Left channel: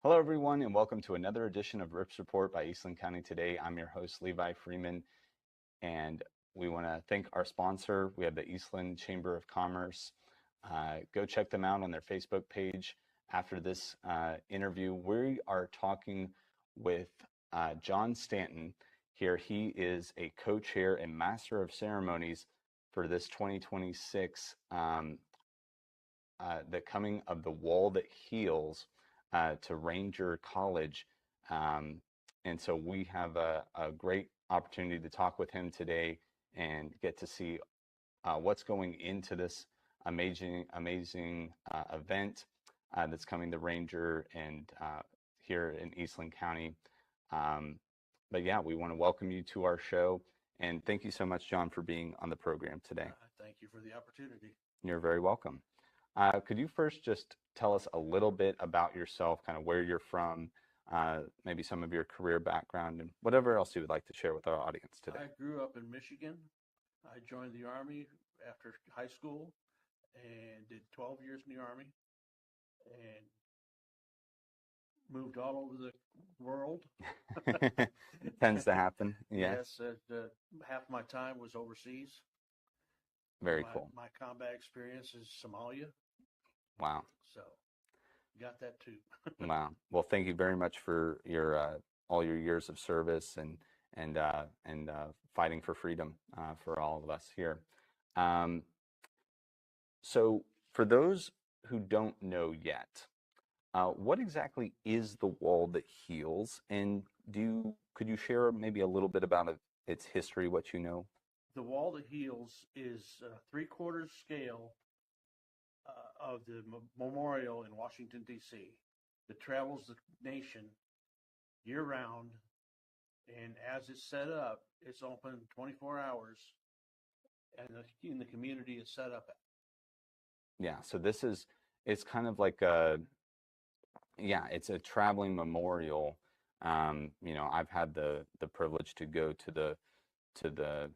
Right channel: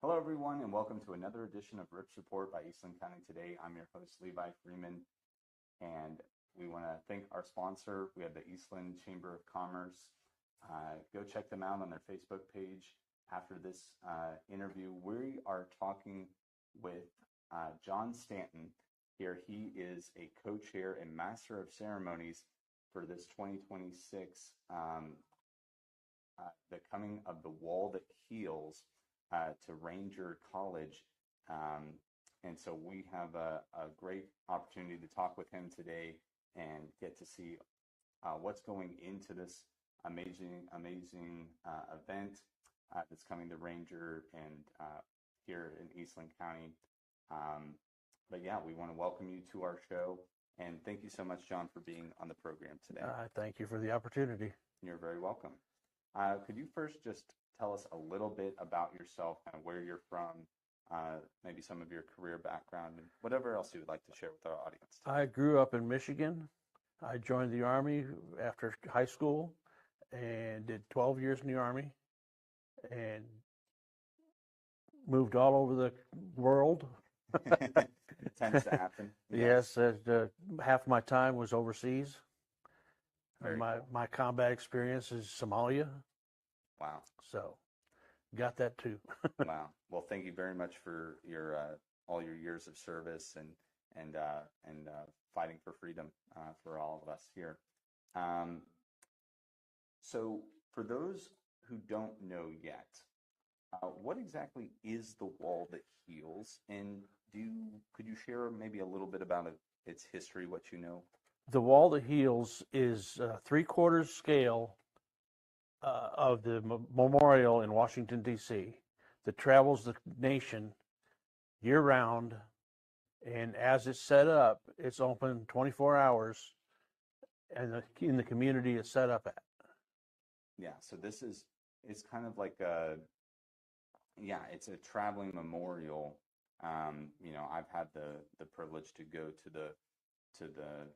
Hello, everyone, and welcome to another edition of Rips Report by Eastland County Today. I'm your host, Levi Freeman, and we want to thank our sponsor. We have the Eastland Chamber of Commerce. Go check them out on their Facebook page. After this interview, we are talking with John Stanton here. He is a co-chair and master of ceremonies for this 2026 the coming of the wall that heals to Ranger College. And so we have a great opportunity to talk with him today and get to see what's going into this amazing event that's coming to Ranger and here in Eastland County. But yeah, we want to welcome you to our show. And thank you so much, John, for being on the program today. Thank you for the opportunity. You're very welcome. Could you first just tell us a little bit about yourself, kind of where you're from, maybe some of your career background, and whatever else you would like to share with our audience today? I grew up in Michigan. I joined the Army after high school and did 12 years in the Army and moved all over the world. It tends to happen. Yes, half my time was overseas. Very cool. My combat experience is Somalia. Wow. So got that too. Wow. Well, thank you very much for your all your years of service and fighting for freedom for all of us here. So for those who don't know yet, what exactly is the wall that heals? And could you share maybe a little bit about its history, what you know? The wall that heals is 3/4 scale of the memorial in Washington, D.C. that travels the nation year-round, and as it's set up, it's open 24 hours, and in the community it's set up at. Yeah, so it's kind of like it's a traveling memorial. I've had the privilege to go to the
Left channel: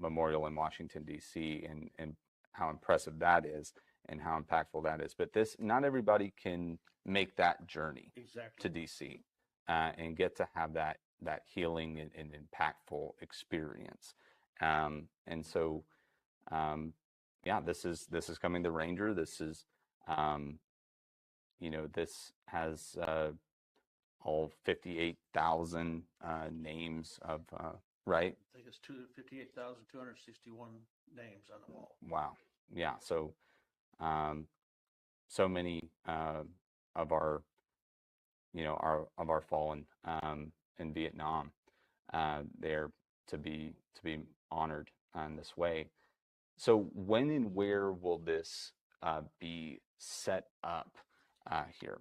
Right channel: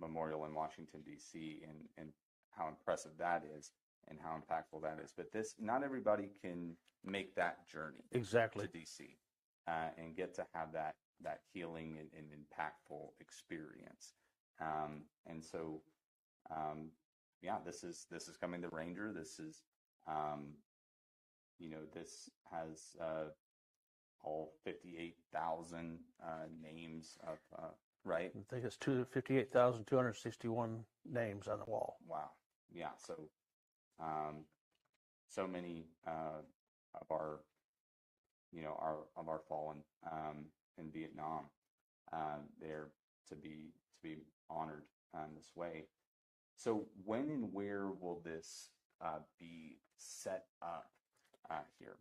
memorial in Washington, D.C., and how impressive that is and how impactful that is. But not everybody can make that journey Exactly to D.C. And get to have that healing and impactful experience. And so, this is coming to Ranger. This is, this has all 58,000 names of right? I think it's 58,261 names on the wall. Wow. Yeah. So, so many of our, of our fallen in Vietnam, there to be honored in this way. So, when and where will this be set up here?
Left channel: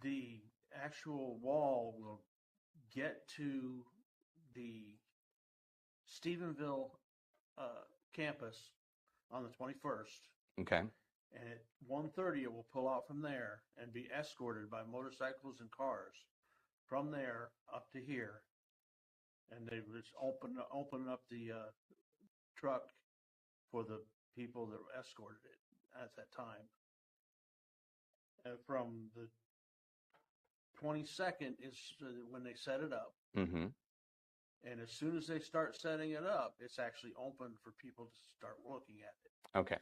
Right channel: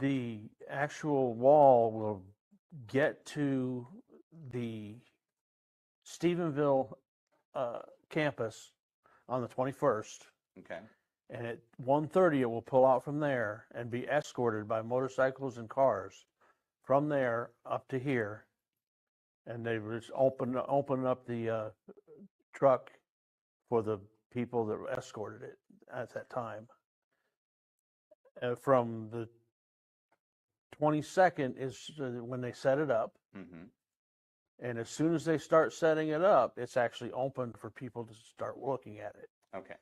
The actual wall will get to the Stephenville campus on the 21st. Okay. And at 1:30 it will pull out from there and be escorted by motorcycles and cars from there up to here. And they just open up the truck for the people that escorted it at that time. From the 22nd is when they set it up. Mm-hmm. And as soon as they start setting it up, it's actually open for people to start looking at it. Okay.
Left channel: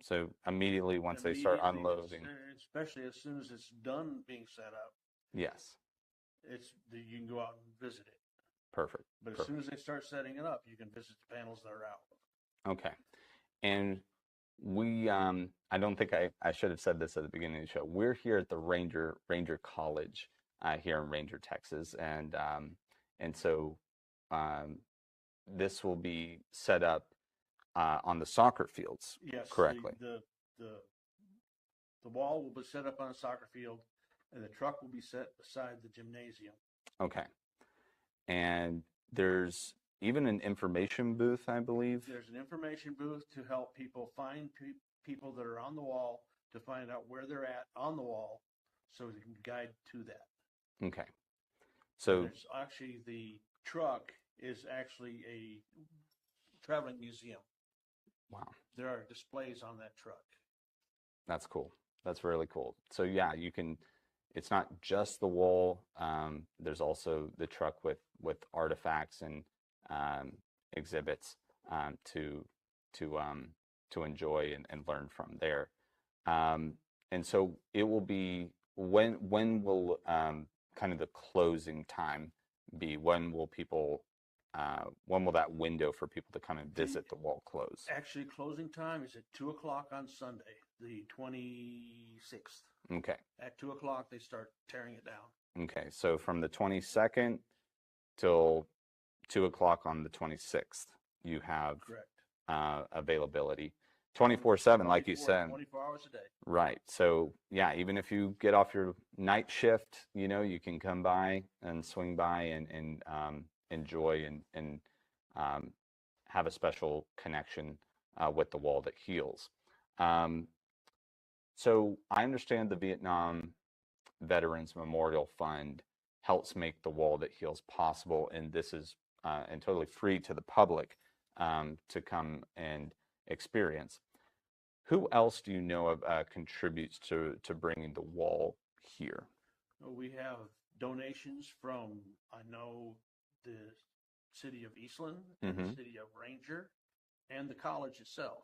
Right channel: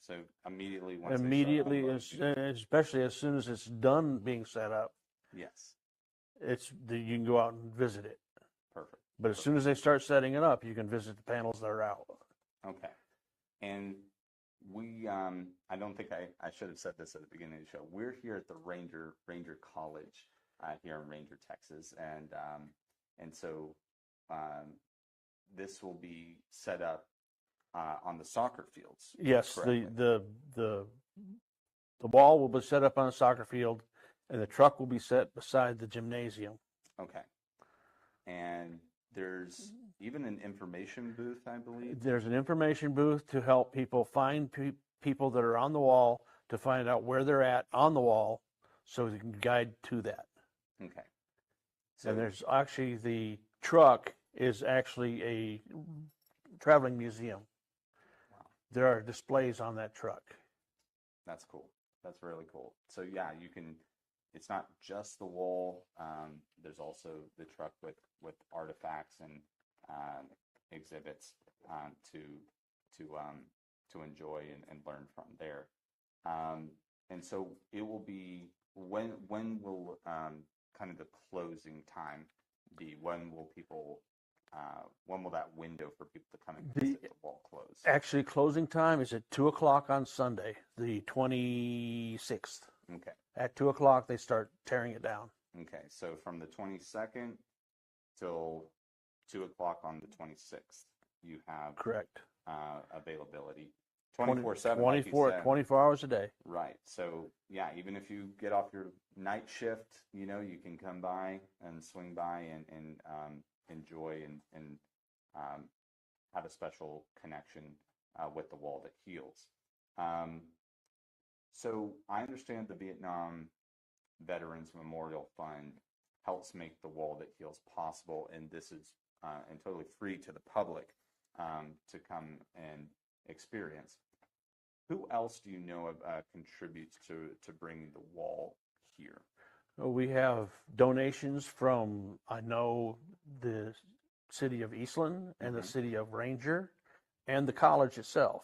So immediately they start unloading, especially as soon as it's done being set up. Yes. You can go out and visit it. Perfect. But as soon as they start setting it up, you can visit the panels that are out. Okay. And we, I don't think I should have said this at the beginning of the show. We're here at the Ranger College here in Ranger, Texas, and so this will be set up on the soccer fields. Yes, correctly. The wall will be set up on a soccer field, and the truck will be set beside the gymnasium. Okay. And there's even an information booth, I believe. There's an information booth to help people find people that are on the wall, to find out where they're at on the wall, so they can guide to that. Okay. So and there's actually the truck is actually a traveling museum. Wow. There are displays on that truck. That's cool. That's really cool. So yeah, you can it's not just the wall. There's also the truck with artifacts and exhibits to enjoy and learn from there. And so it will be, when will kind of the closing time be? When will people when will that window for people to come and visit the wall close? Actually, closing time is at 2 o'clock on Sunday, the 26th. Okay. At 2 o'clock, they start tearing it down. Okay. So from the 22nd till 2 o'clock on the 26th, you have Correct. Availability. 24/7, like you said. 24 hours a day. Right. So yeah, even if you get off your night shift, you can come by and swing by and enjoy and have a special connection with the wall that heals. So I understand the Vietnam Veterans Memorial Fund helps make the wall that heals possible, and this is and totally free to the public to come and experience. Who else do you know of contributes to bringing the wall here? We have donations from, I know, the city of Eastland and the city of Ranger and the college itself.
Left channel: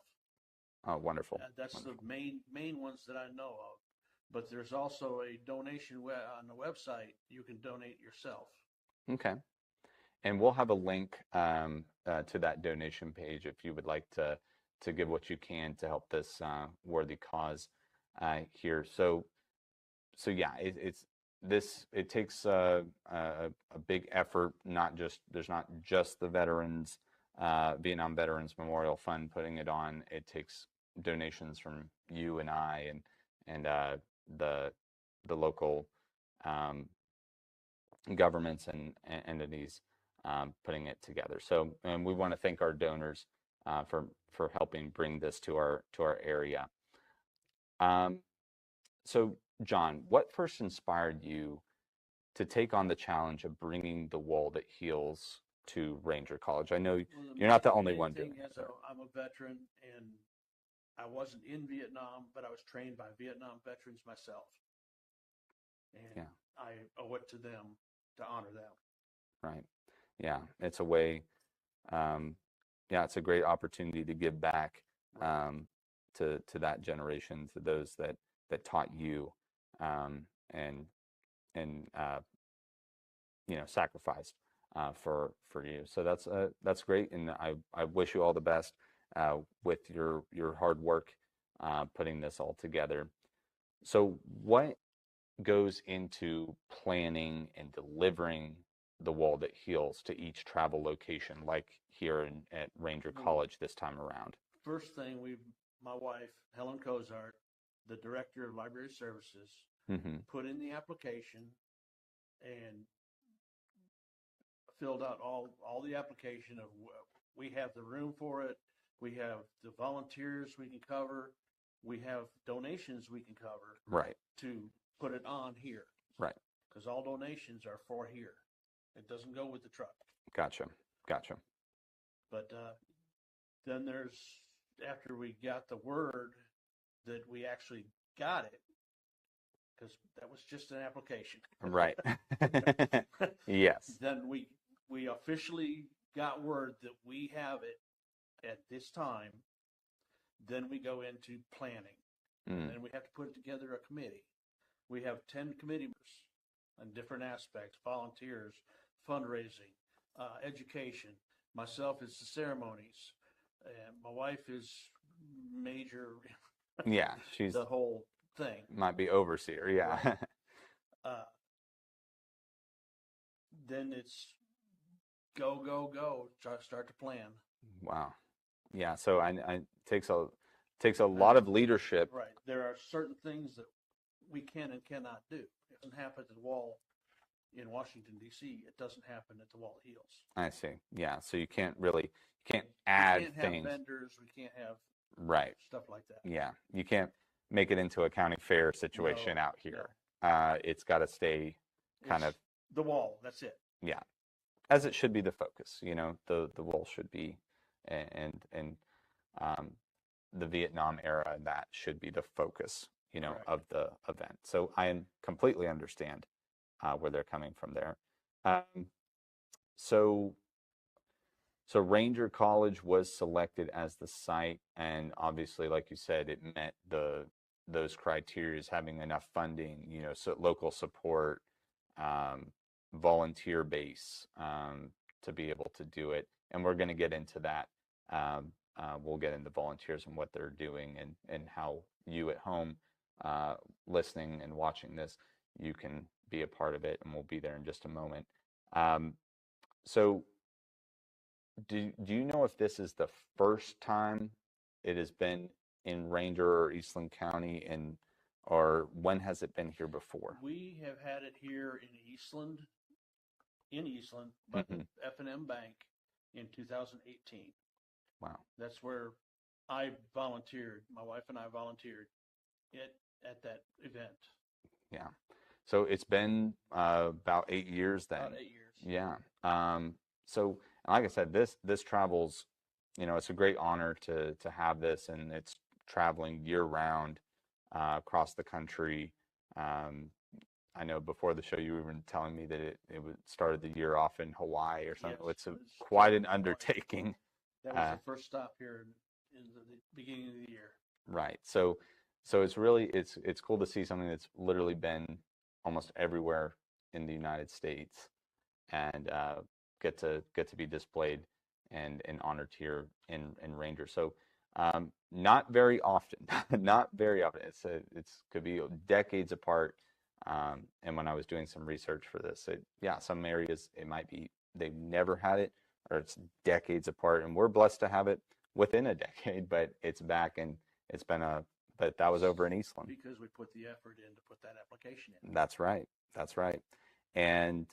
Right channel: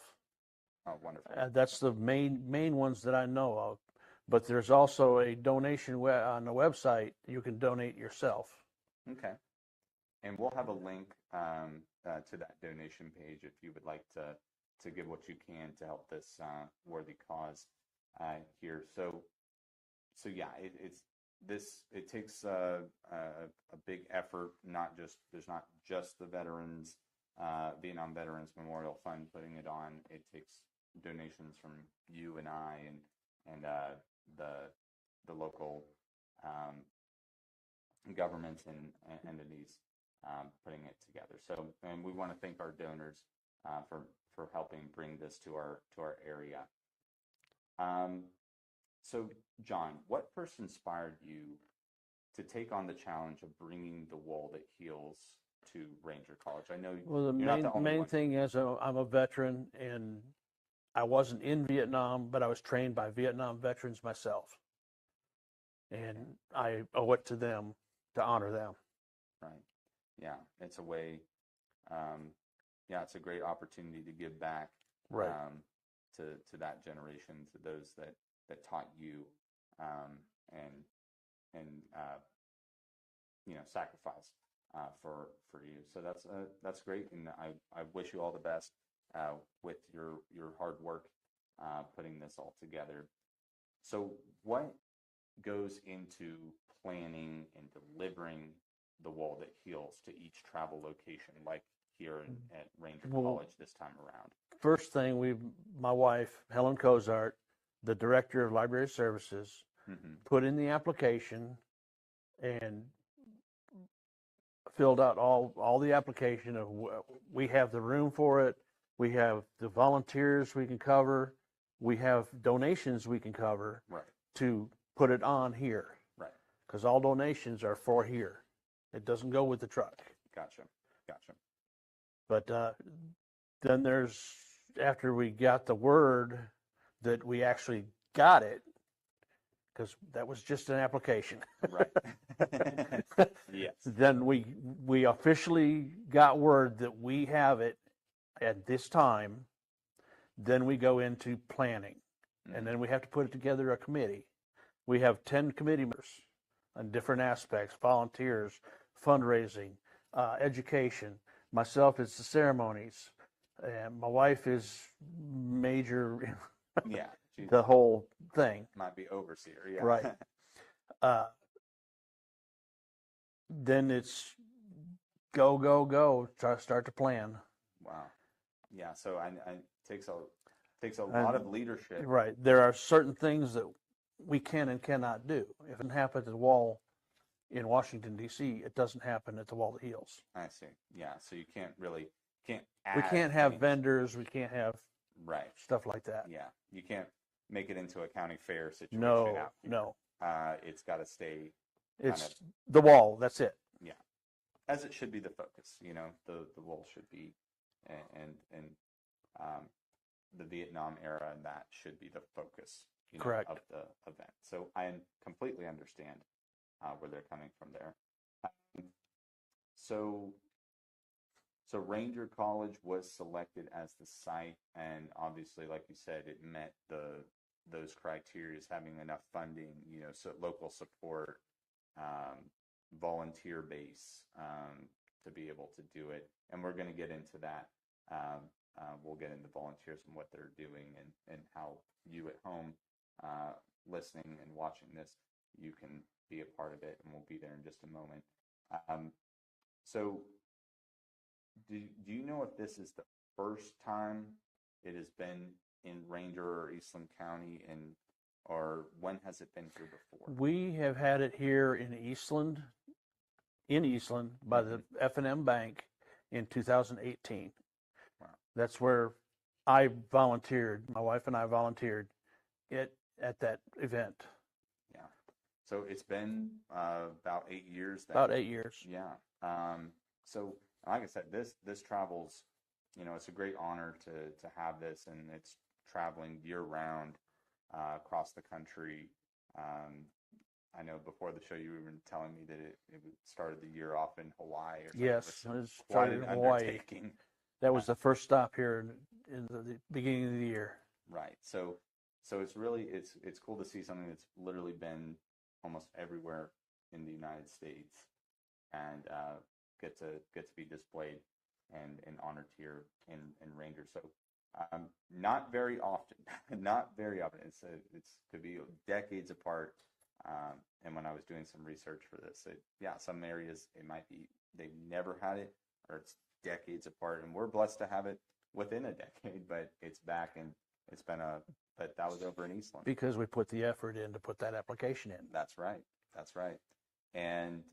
Oh, wonderful. That's the main ones that I know of. But there's also a donation on the website. You can donate yourself. Okay. And we'll have a link to that donation page if you would like to give what you can to help this worthy cause here. So yeah, it takes a big effort. There's not just the veterans, Vietnam Veterans Memorial Fund putting it on. It takes donations from you and I and the local governments and entities putting it together. So, and we want to thank our donors for helping bring this to our area. So, John, what first inspired you to take on the challenge of bringing the wall that heals to Ranger College? I know you're not the only one. The main thing is I'm a veteran, and I wasn't in Vietnam, but I was trained by Vietnam veterans myself. And I owe it to them to honor them. Right. Yeah. It's a way, it's a great opportunity to give back to that generation, to those that taught you and sacrificed for you. So that's great, and I wish you all the best with your hard work putting this all together. So what goes into planning and delivering the wall that heals to each travel location, like here at Ranger College this time around? First thing, my wife, Helen Cozart, the director of library services, put in the application and filled out all the application of we have the room for it, we have the volunteers we can cover, we have donations we can cover, to put it on here, because all donations are for here. It doesn't go with the truck. Gotcha. But then after we got the word that we actually got it, because that was just an application. Right. Yes. Then we officially got word that we have it at this time. Then we go into planning, and then we have to put together a committee. We have 10 committee members on different aspects: volunteers, fundraising, education. Myself is the ceremonies, and my wife is major. Yeah, she's the whole thing. Might be overseer. Yeah. Right. Then it's go. Start to plan. Wow. Yeah. So it takes a lot of leadership. Right. There are certain things that we can and cannot do. If it happens at the wall in Washington, D.C., it doesn't happen at the Wall That Heals. I see. Yeah. So you can't add We can't have things. vendors. We can't have stuff like that. Yeah. You can't make it into a county fair situation out here. No. It's got to stay kind of the wall. That's it. Yeah. As it should be the focus. The wall should be, and the Vietnam era, that should be the focus Correct. of the event. So I completely understand where they're coming from there. So so Ranger College was selected as the site, and obviously, like you said, it met those criteria, having enough funding, so local support, um, volunteer base, to be able to do it. And we're going to get into that. We'll get into volunteers and what they're doing, and how you at home, listening and watching this, you can be a part of it, and we'll be there in just a moment. So do you know if this is the first time it has been in Ranger or Eastland County, or when has it been here before? We have had it here in Eastland by the F&M Bank in 2018. Wow. That's where I volunteered. My wife and I volunteered at that event. Yeah. So it's been about 8 years then. About 8 years. Yeah. So like I said, this travels, it's a great honor to have this, and it's traveling year round across the country. I know before the show you were even telling me that it started the year off in Hawaii or something. Yes, It's it was quite started an in Hawaii. undertaking. That was the first stop here in the beginning of the year. Right. So it's really it's cool to see something that's literally been almost everywhere in the United States, and get to be displayed and honored here in Ranger. So not very often, not very often. It's could be decades apart. And when I was doing some research for this, some areas it might be they've never had it, or it's decades apart, and we're blessed to have it within a decade. But it's back, and it's been but that was over in Eastland because we put the effort in to put that application in. That's right. That's right. And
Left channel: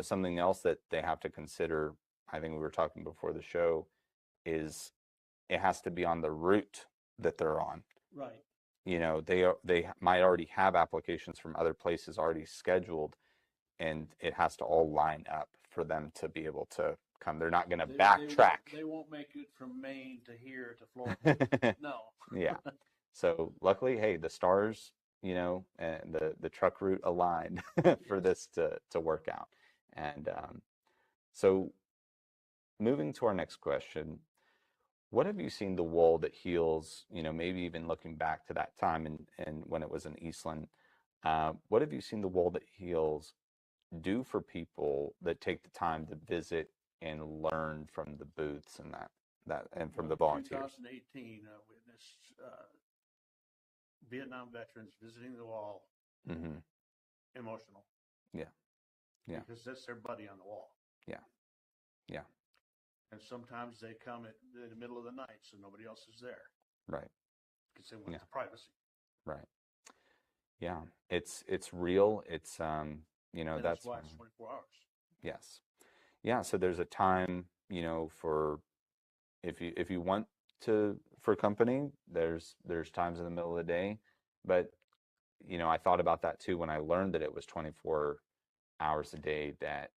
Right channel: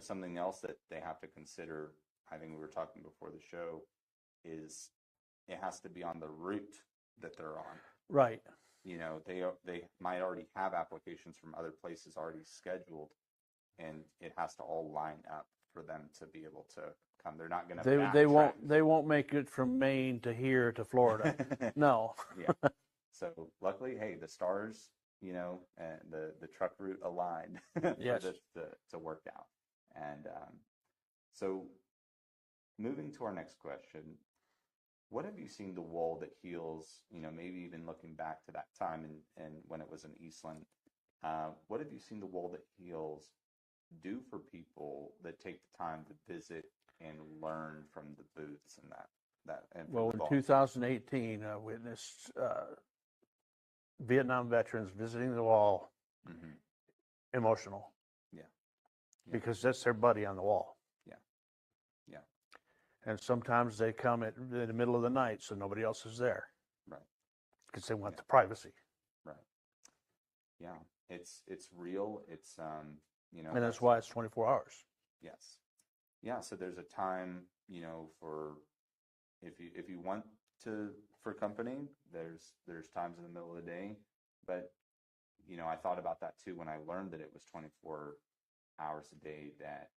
something else that they have to consider, I think we were talking before the show, is it has to be on the route that they're on. Right. They might already have applications from other places already scheduled, and it has to all line up for them to be able to come. They're not going to backtrack. They won't make it from Maine to here to Florida. No. Yeah. So luckily, hey, the stars, and the truck route aligned for this to work out. And so moving to our next question, what have you seen the wall that heals, maybe even looking back to that time and when it was in Eastland, what have you seen the wall that heals do for people that take the time to visit and learn from the booths and from the volunteers? In 2018, I witnessed Vietnam veterans visiting the wall, emotional. Yeah. Because that's their buddy on the wall. Yeah. Yeah. And sometimes they come in the middle of the night, so nobody else is there. Right. Because they want the privacy. Right. Yeah. It's real. It's and that's why it's 24 hours. Yes. Yeah. So there's a time, for if you want for company, there's times in the middle of the day, but I thought about that too when I learned that it was 24 hours a day, that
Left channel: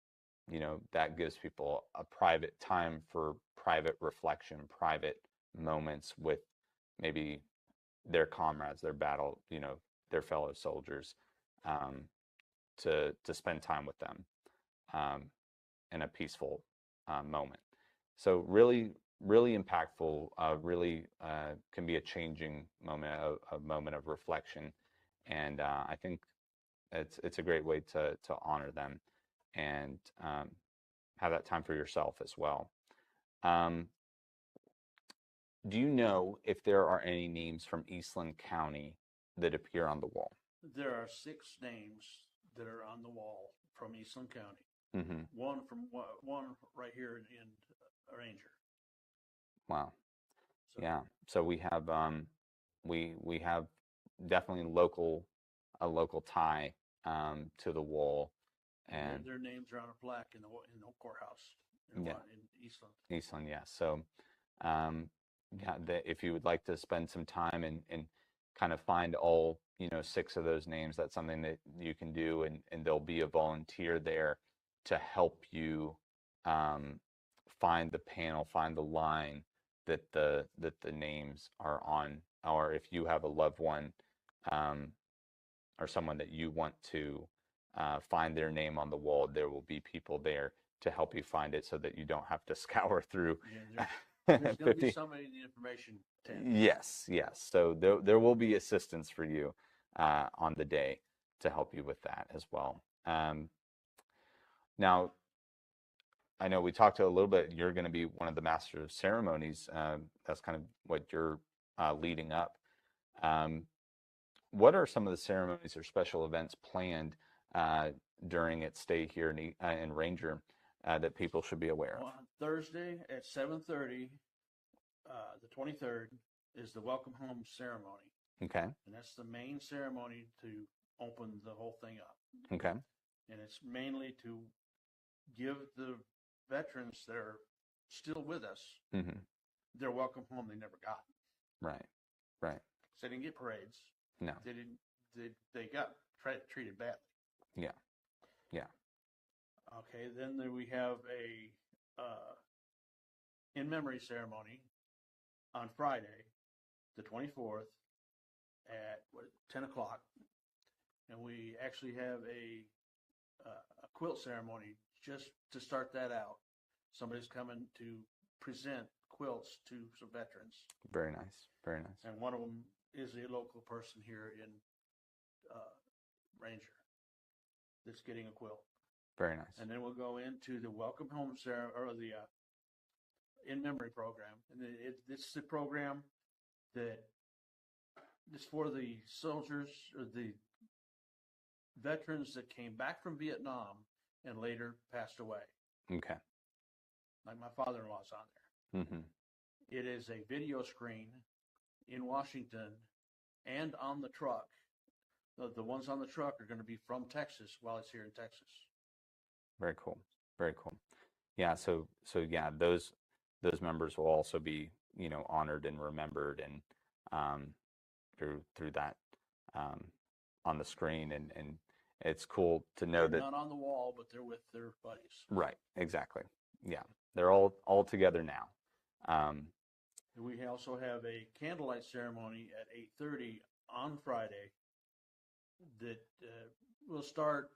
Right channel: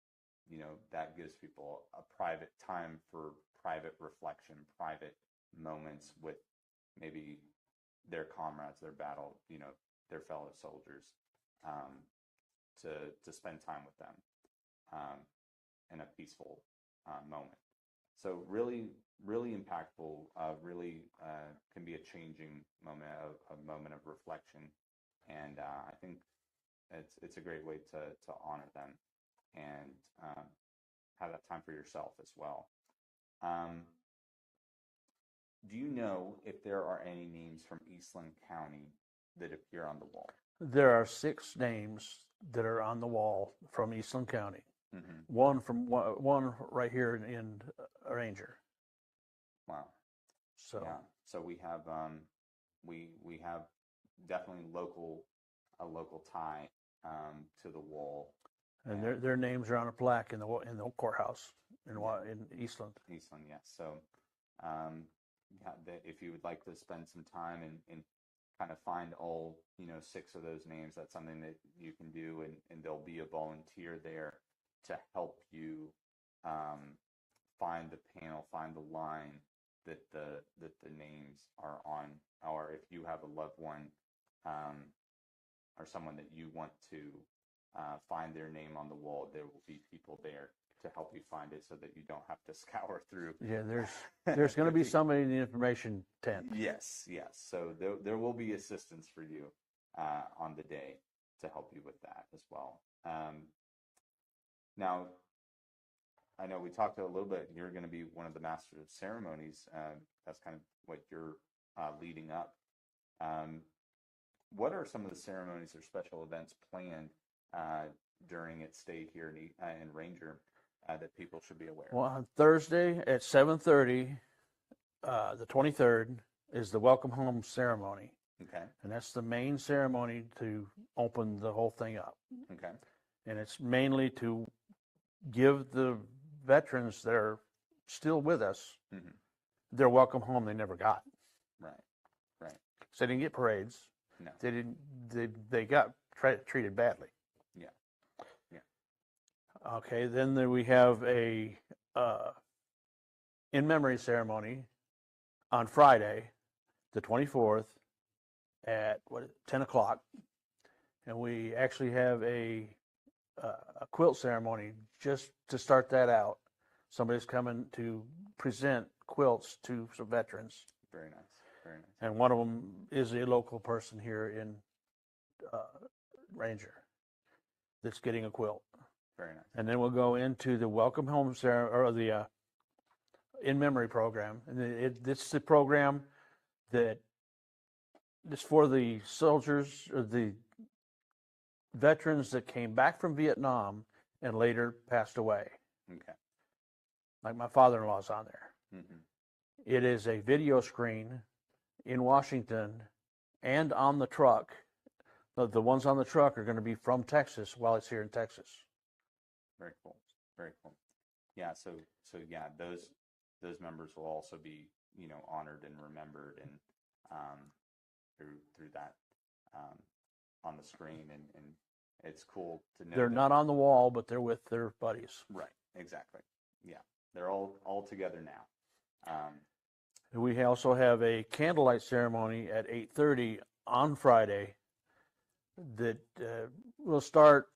that gives people a private time for private reflection, private moments with maybe their comrades, their battle, their fellow soldiers, to spend time with them in a peaceful moment. So really impactful, really can be a changing moment, a moment of reflection, and I think it's a great way to honor them and have that time for yourself as well. Do you know if there are any names from Eastland County that appear on the wall? There are 6 names that are on the wall from Eastland County. One right here in Ranger. Wow. So yeah. So we have we have definitely a local tie to the wall. And their names are on a plaque in the courthouse in Eastland. Eastland, yes. So, if you would like to spend some time and kind of find all 6 of those names, that's something that you can do, and there'll be a volunteer there to help you find the panel, find the line that the names are on, or if you have a loved one or someone that you want to find their name on the wall, there will be people there to help you find it so that you don't have to scour through. Yeah, there's going to be somebody in the information tent. Yes, yes. So there will be assistance for you on the day to help you with that as well. Now, I know we talked a little bit, you're going to be one of the master of ceremonies. That's kind of what you're leading up. What are some of the ceremonies or special events planned during its stay here in Ranger that people should be aware of? Well, on Thursday at 7:30, the 23rd, is the welcome home ceremony. Okay. And that's the main ceremony to open the whole thing up. Okay. And it's mainly to give the veterans that are still with us their welcome home they never got. Right. Right. So they didn't get parades. No. They didn't. They got treated badly. Yeah. Yeah. Okay. Then we have a in memory ceremony on Friday, the 24th, at 10 o'clock, and we actually have a quilt ceremony just to start that out. Somebody's coming to present quilts to some veterans. Very nice. Very nice. And one of them is a local person here in Ranger that's getting a quilt. Very nice. And then we'll go into the welcome home ceremony, or the in memory program. And it's the program that is for the soldiers, or the veterans that came back from Vietnam and later passed away. Okay. Like my father-in-law's on there. It is a video screen in Washington and on the truck. The ones on the truck are going to be from Texas while it's here in Texas. Very cool. Very cool. Yeah. So yeah, those members will also be, honored and remembered, and through that on the screen, and it's cool to know They're that not on the wall, but they're with their buddies. Right. Exactly. Yeah. They're all together now. We also have a candlelight ceremony at 8:30 on Friday that will start.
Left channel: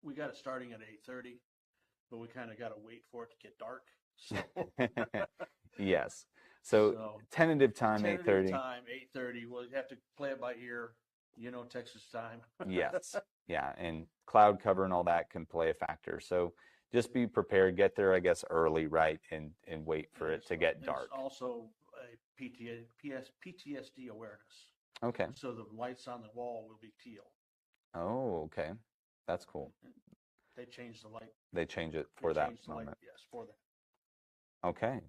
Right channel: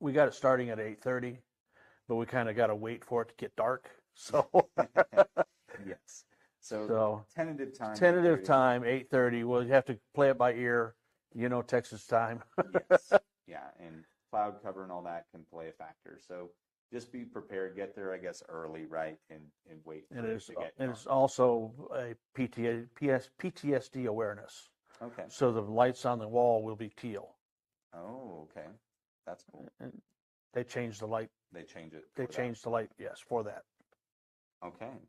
We got it starting at 8:30, but we kind of got to wait for it to get dark. So yes. So tentative time. 8:30. Well, you have to play it by ear. Texas time. Yes. Yeah. And cloud cover and all that can play a factor. So just be prepared. Get there, I guess, early, right, and wait for it to get dark. It's also a PTSD awareness. Okay. So the lights on the wall will be teal. Oh, okay. That's cool. And they changed the light. They change it They for that. They changed the light, yes, for that. Okay.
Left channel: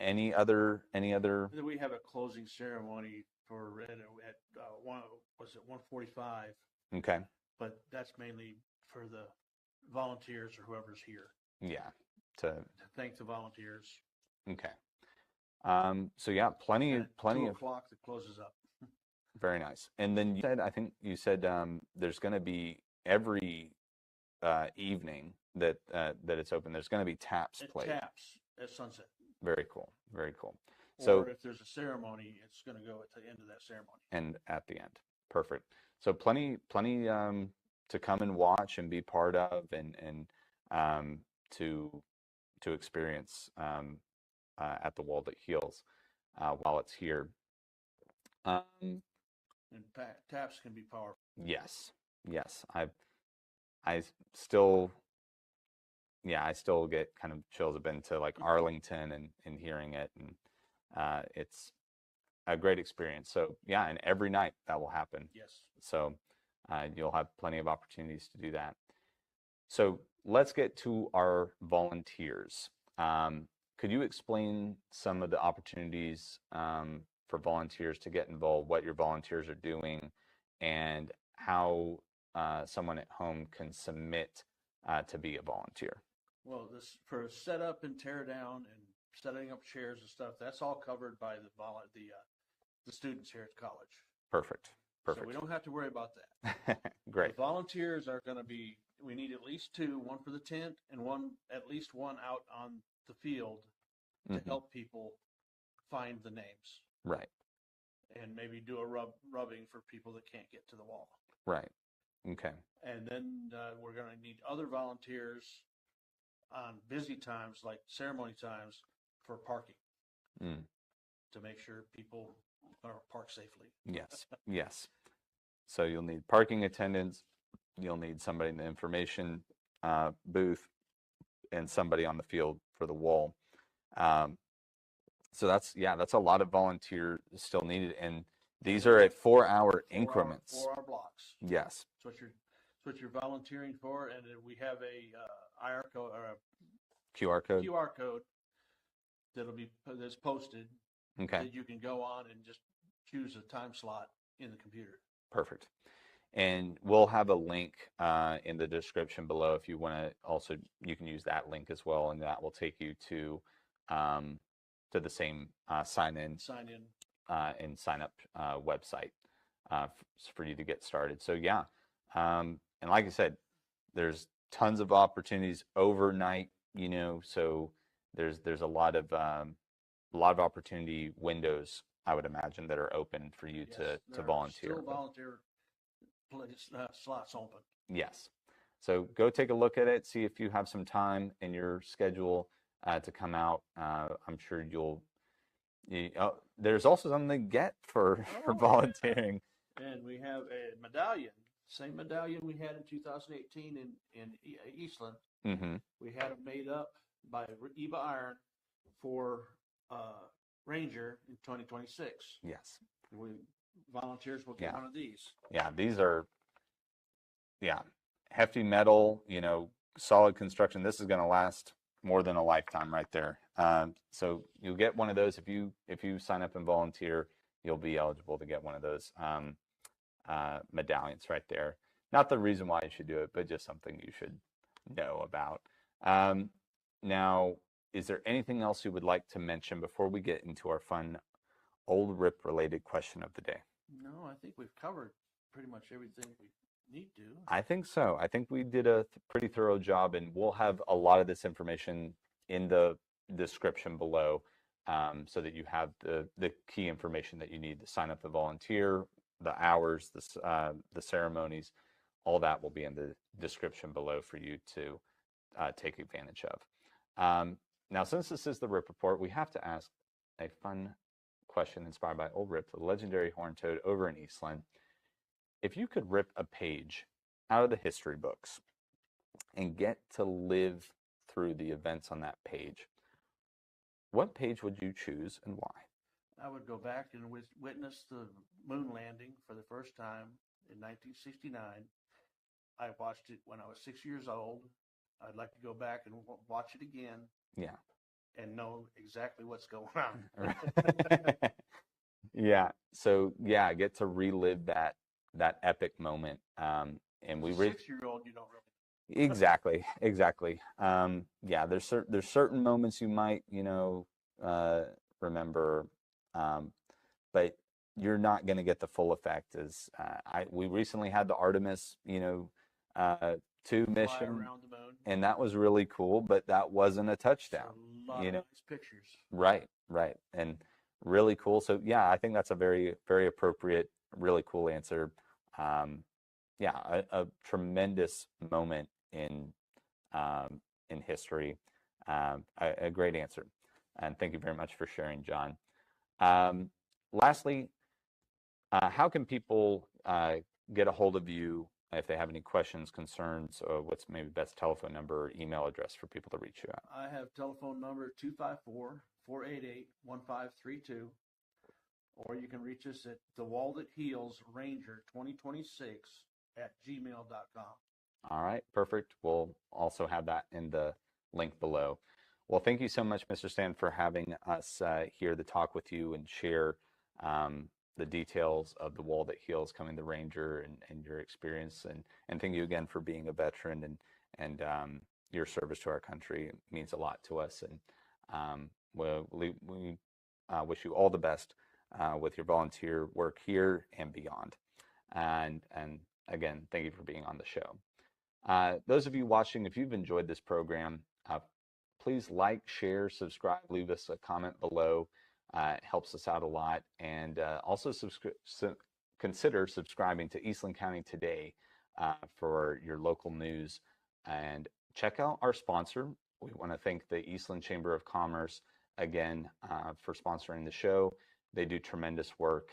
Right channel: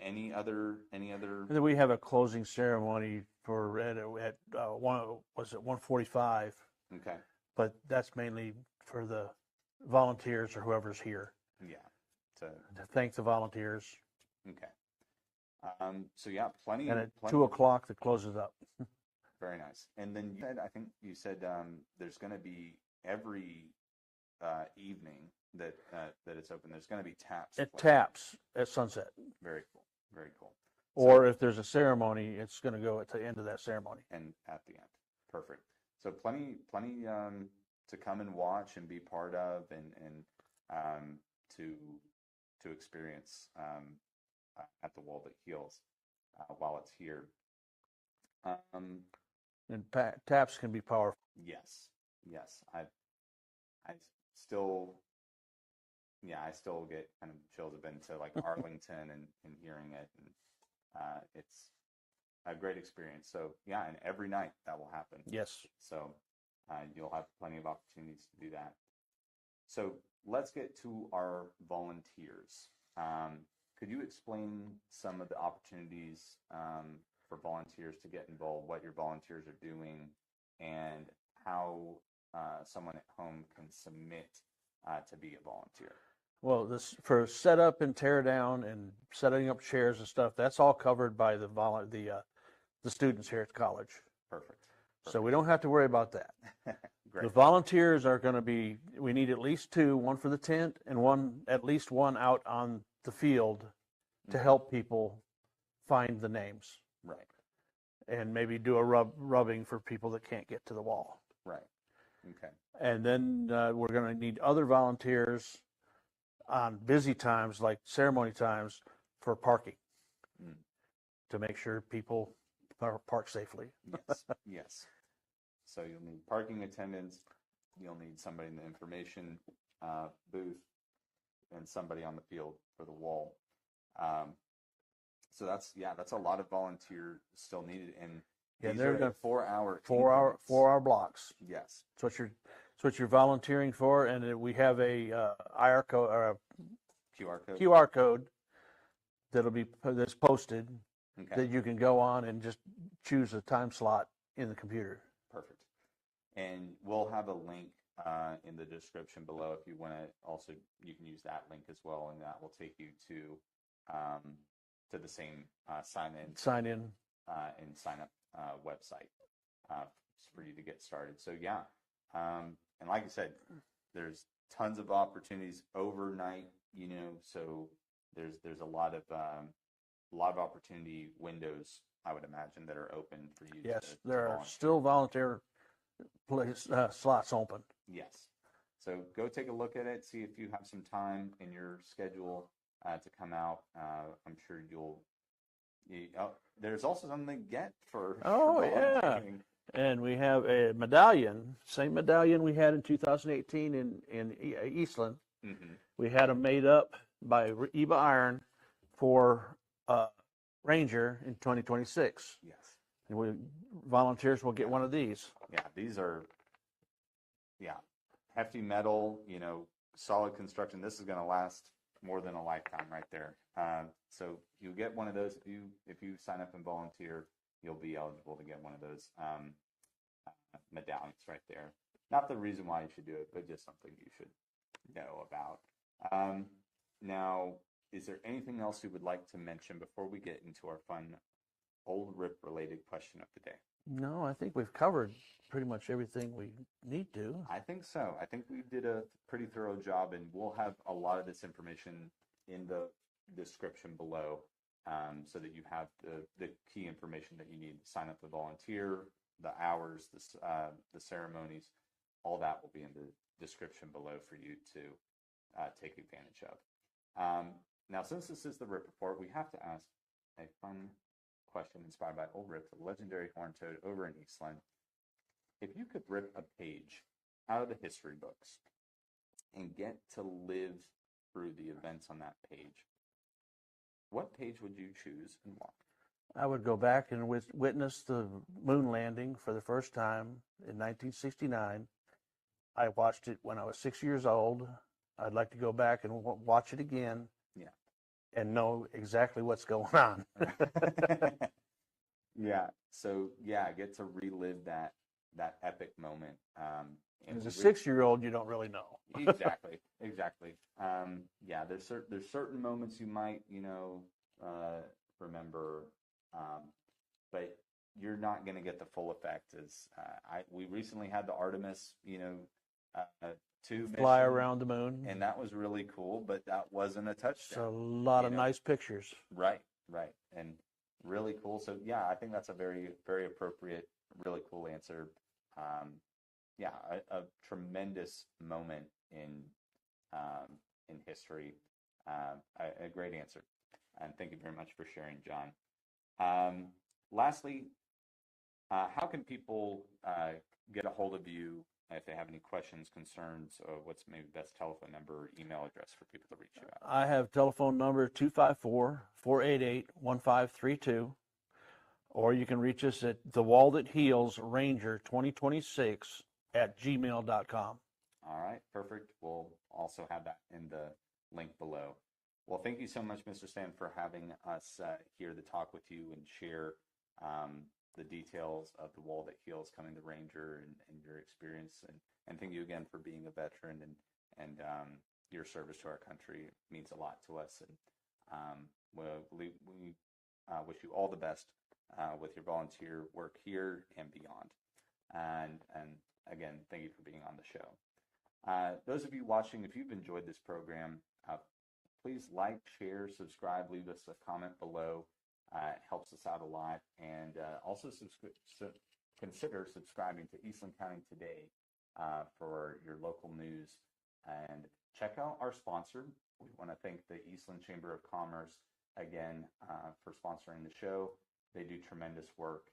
Any other? And then we have a closing ceremony for at 1:45. Okay. But that's mainly for the volunteers or whoever's here. Yeah. To thank the volunteers. Okay. So yeah, plenty. And at 2 o'clock that closes up. Very nice. And then I think you said there's going to be every evening that it's open. There's going to be taps. It taps at sunset. Very cool. Very cool. Or if there's a ceremony, it's going to go at the end of that ceremony. And at the end. Perfect. So plenty to come and watch and be part of, and to experience at the Wall That Heals while it's here. And taps can be powerful. Yes. I still get kind of chills. I've been to like Arlington and hearing it, and it's a great experience. So yeah, and every night that will happen. Yes. So you'll have plenty of opportunities to do that. So let's get to our volunteers. Could you explain some of the opportunities for volunteers to get involved, what your volunteers are doing, and how someone at home can submit to be a volunteer? Well, this for setup and tear down and setting up chairs and stuff, that's all covered by the students here at college. Perfect. So we don't have to worry about that. Great. The volunteers are going to be, we need at least two, one for the tent and at least one out on the field to help people find the names. Right. and maybe do a rubbing for people that can't get to the wall. Right. Okay. And then we're going to need other volunteers on busy times like ceremony times for parking to make sure people are parked safely. Yes. Yes. So you'll need parking attendants. You'll need somebody in the information booth and somebody on the field for the wall. So that's a lot of volunteers still needed, and these are at 4-hour increments. 4-hour blocks. Yes. So what you're volunteering for, and we have a IR code or a QR code that's posted that you can go on and just choose a time slot in the computer. Perfect. And we'll have a link in the description below if you want to. Also, you can use that link as well, and that will take you to the same sign in and sign up website for you to get started. So yeah, and like I said, there's tons of opportunities overnight. So there's a lot of opportunity windows, I would imagine, that are open for you to there volunteer. Are still volunteer slots open. Yes. So go take a look at it, see if you have some time in your schedule to come out. I'm sure there's also something to get for volunteering. Yeah. And we have a medallion, same medallion we had in 2018 in Eastland. Mm-hmm. We had them made up by Eva Iron for Ranger in 2026. Yes. And volunteers will get one of these. Yeah, these are hefty metal, solid construction. This is going to last more than a lifetime right there. So you'll get one of those if you sign up and volunteer. You'll be eligible to get one of those medallions right there. Not the reason why you should do it, but just something you should know about. Now, is there anything else you would like to mention before we get into our fun old rip related question of the day? No, I think we've covered pretty much everything we need to. I think so. I think we did a pretty thorough job, and we'll have a lot of this information in the description below, so that you have the key information that you need to sign up to volunteer, the hours, the ceremonies, all that will be in the description below for you to take advantage of. Now, since this is the Rip Report, we have to ask a fun question inspired by Old Rip, the legendary horn toad over in Eastland. If you could rip a page out of the history books and get to live through the events on that page, what page would you choose and why? I would go back and witness the moon landing for the first time in 1969. I watched it when I was 6 years old. I'd like to go back and watch it again. Yeah. And know exactly what's going on. Yeah. So yeah, get to relive that epic moment. And As a 6-year-old, you don't really know. Exactly. Yeah, there's certain moments you might remember, but you're not going to get the full effect. As we recently had the Artemis 2 mission, fly around the moon, and that was really cool, but that wasn't a touchdown. It's a lot of nice pictures. Right, and really cool. So yeah, I think that's a very, very appropriate, really cool answer. Yeah, a tremendous moment in history. A great answer, and thank you very much for sharing, John. Lastly, how can people get a hold of you if they have any questions, concerns, or what's maybe the best telephone number or email address for people to reach you at? I have telephone number 254-488-1532, or you can reach us at The Wall That Heals Ranger 2026 @gmail.com. All right, perfect. We'll also have that in the link below. Well, thank you so much, Mr. Stanton, for having us here to talk with you and share the details of The Wall That Heals coming to Ranger and your experience. And thank you again for being a veteran and your service to our country. It means a lot to us. And we wish you all the best with your volunteer work here and beyond. And again, thank you for being on the show. Those of you watching, if you've enjoyed this program, please like, share, subscribe, leave us a comment below. It helps us out a lot. And also consider subscribing to Eastland County Today for your local news. And check out our sponsor. We want to thank the Eastland Chamber of Commerce again for sponsoring the show. They do tremendous work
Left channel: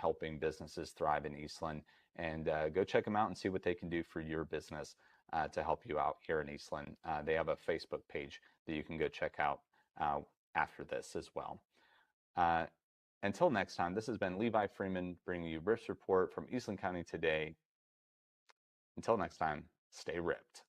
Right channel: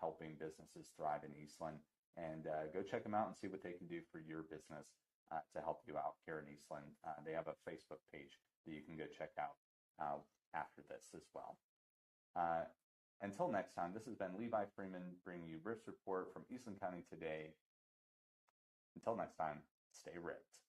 helping businesses thrive in Eastland. And go check them out and see what they can do for your business to help you out here in Eastland. They have a Facebook page that you can go check out after this as well. Until next time, this has been Levi Freeman bringing you Rips Report from Eastland County Today. Until next time, stay ripped.